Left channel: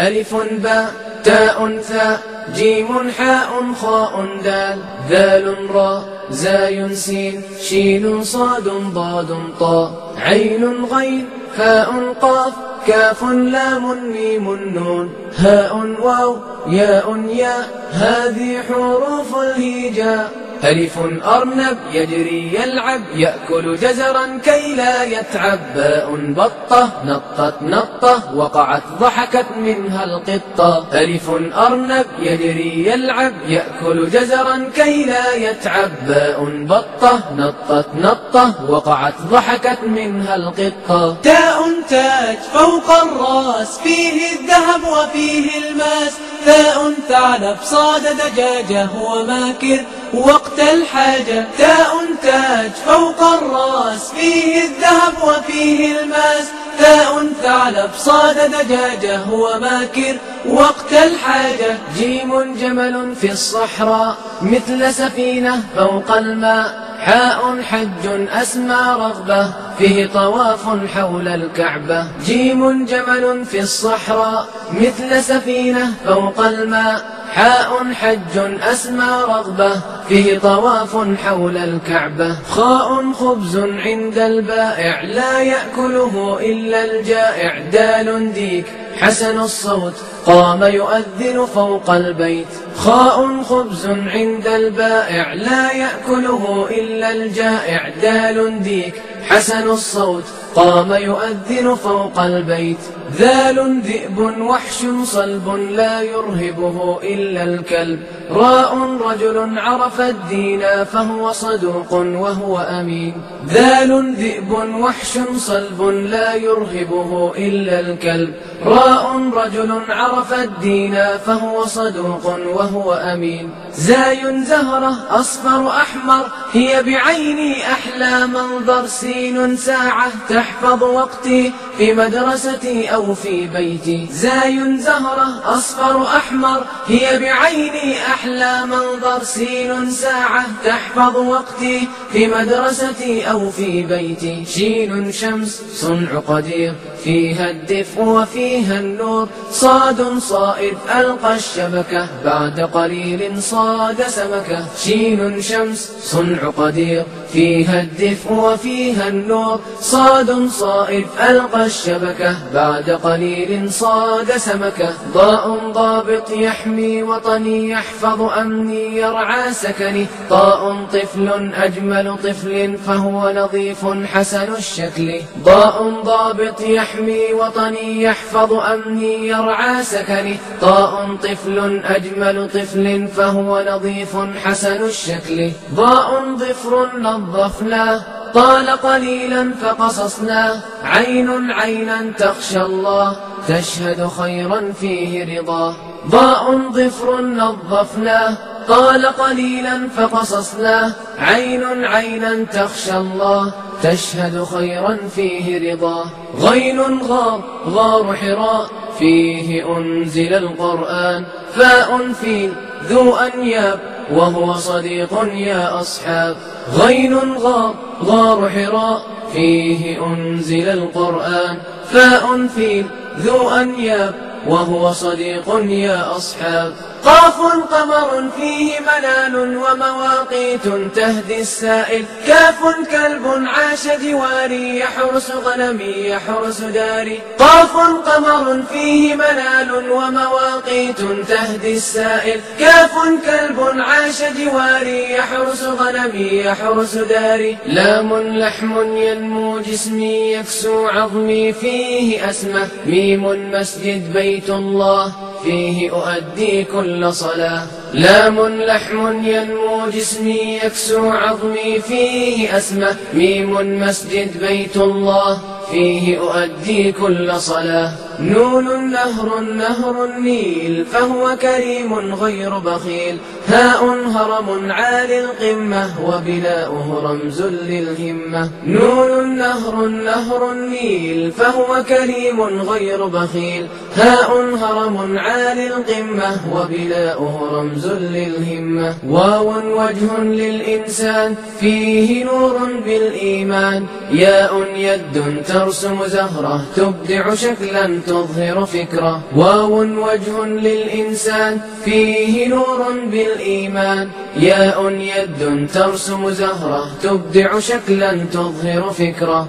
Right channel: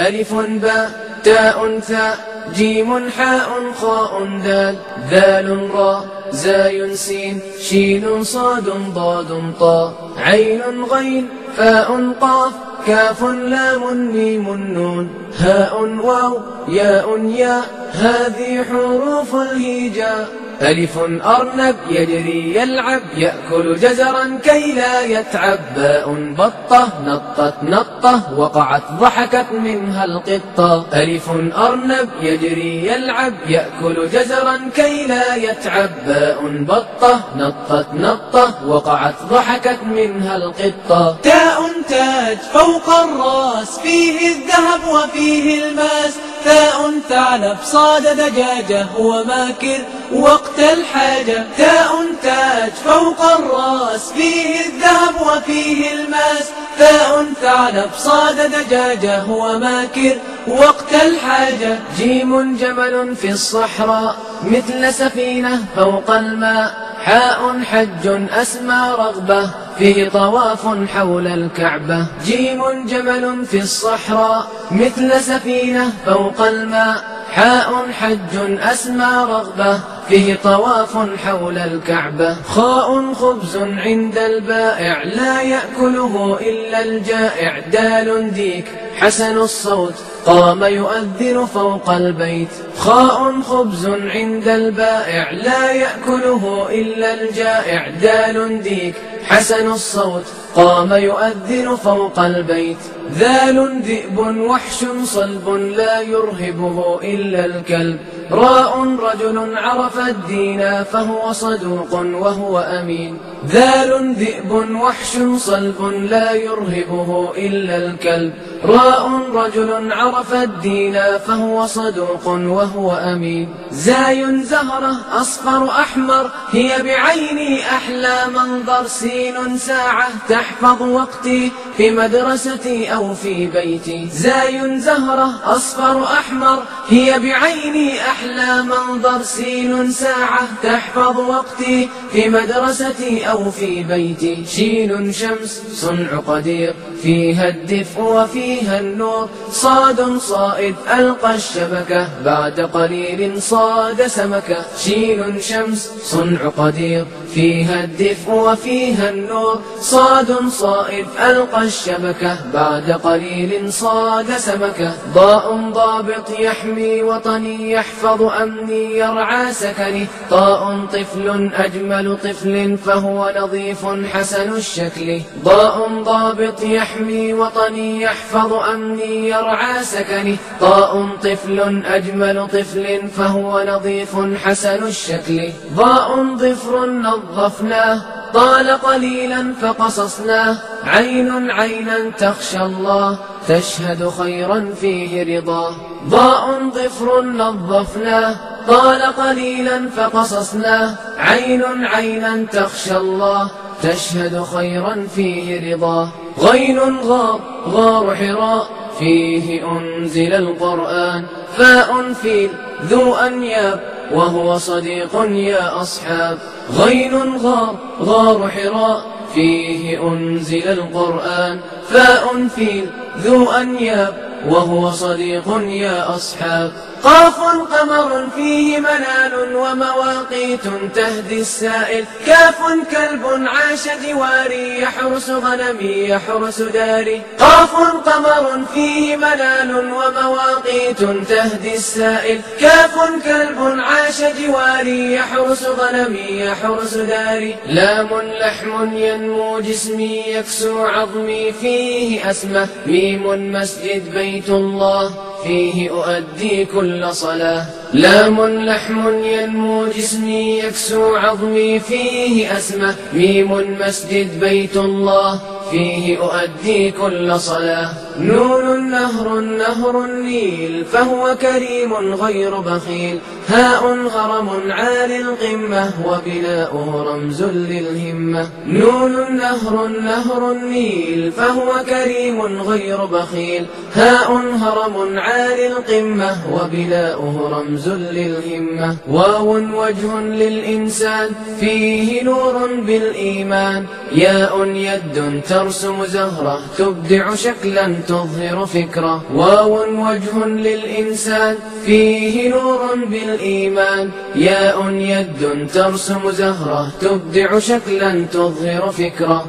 ألف باء تاء ثاء جيم حاء خاء دال ذال راء زاي سين شين صاد ضاد طاء عين غين فاء قاف كاف لام ميم نون هاء واو ياء ياء هذه حروف الهجاء. ألف أرنب يجري يلعب يأكل جزرا كي لا يتعب. باء بطة نطت نطة وقعت ضحكت منها القطة. ألف أرنب يجري يلعب يأكل جزرا كي لا يتعب. باء بطة نطت نطة وقعت ضحكت منها القطة. تاء تاج فوق الراس فيه الذهب وفيه الماس. ثاء ثعلب صاد دجاجة وماكر وقت الحاجة. تاء تاج فوق الراس فيه الذهب وفيه الماس. ثاء ثعلب صاد دجاجة وماكر وقت الحاجة. جيم جمل في الصحراء مثل سفينة فوق الماء. حاء حج أسمى رغبة فيه طواف حول الكعبة. جيم جمل في الصحراء مثل سفينة فوق الماء. حاء حج أسمى رغبة فيه طواف حول الكعبة. خاء خبز عند البائع لا يأكله إلا الجائع. دال ديك حسن الصوت قام يؤذن فوق البيت. خاء خبز عند البائع لا يأكله إلا الجائع. دال ديك حسن الصوت قام يؤذن فوق البيت. ذال ذئب وحش صلب لا يرهبه إلا الكلب. راء رجل عرف الدين فهو صدوق وهو أمين. ذال ذئب وحش صلب لا يرهبه إلا الكلب. راء رجل عرف الدين فهو صدوق وهو أمين. زاي زهرة أصفر أحمر هي بعيني أحلى منظر. سين ساعة تحفظ وقتي في مدرستي أو في بيتي. زاي زهرة أصفر أحمر هي بعيني أحلى منظر. سين ساعة تحفظ وقتي في مدرستي أو في بيتي. شين شمس صنع قدير فيها الدفء وفيها النور. صاد صائد ألقى الشبكة بعد قليل صاد سمكة. شين شمس صنع قدير فيها الدفء وفيها النور. صاد صائد ألقى الشبكة بعد قليل صاد سمكة. ضاء ضابط يحمي وطني يحفظ أمني يرعى سكني. طاء طفل أجمل طفل فهو نظيف حسن الشكل. ضاء ضابط يحمي وطني يحفظ أمني يرعى سكني. طاء طفل أجمل طفل فهو نظيف حسن الشكل. ضاء ضفر نظفناه طال قليلا فقصصناه. عين عينا تخشى الله تشهد خيرا فيه رضاه. ضاء ضفر نظفناه طال قليلا فقصصناه. عين عينا تخشى الله تشهد خيرا فيه رضاه. غين غار غار حراء فيه أنزل القرآن. فاء فيل ذو أنياب وهو صديق يا أصحاب. غين غار غار حراء فيه أنزل القرآن. فاء فيل ذو أنياب وهو صديق يا أصحاب. قاف قمر فيه منال ومواقيت تهدي السائل. كاف كلب عاش جواري يحرس غنمي يحرس داري. قاف قمر فيه منال ومواقيت تهدي السائل. كاف كلب عاش جواري يحرس غنمي يحرس داري. لام لحم ينمو جسمي يكسو عظمي فيه أسمة. ميم مسجد بيت الله فيه أؤدي كل صلاة. لام لحم ينمو جسمي يكسو عظمي فيه أسمة. ميم مسجد بيت الله فيه أؤدي كل صلاة. نون نهر النيل فهو كريم غير بخيل. هاء هرم عالي القمة وبناؤه رمز للهمة. نون نهر النيل فهو كريم غير بخيل. هاء هرم عالي القمة وبناؤه رمز للهمة. واو وجه للإنسان فيه نور بالإيمان. ياء يد ترسم زهرة تبدع شكلا تظهر فكرة. واو وجه للإنسان فيه نور بالإيمان. ياء يد ترسم زهرة تبدع شكلا تظهر فكرة.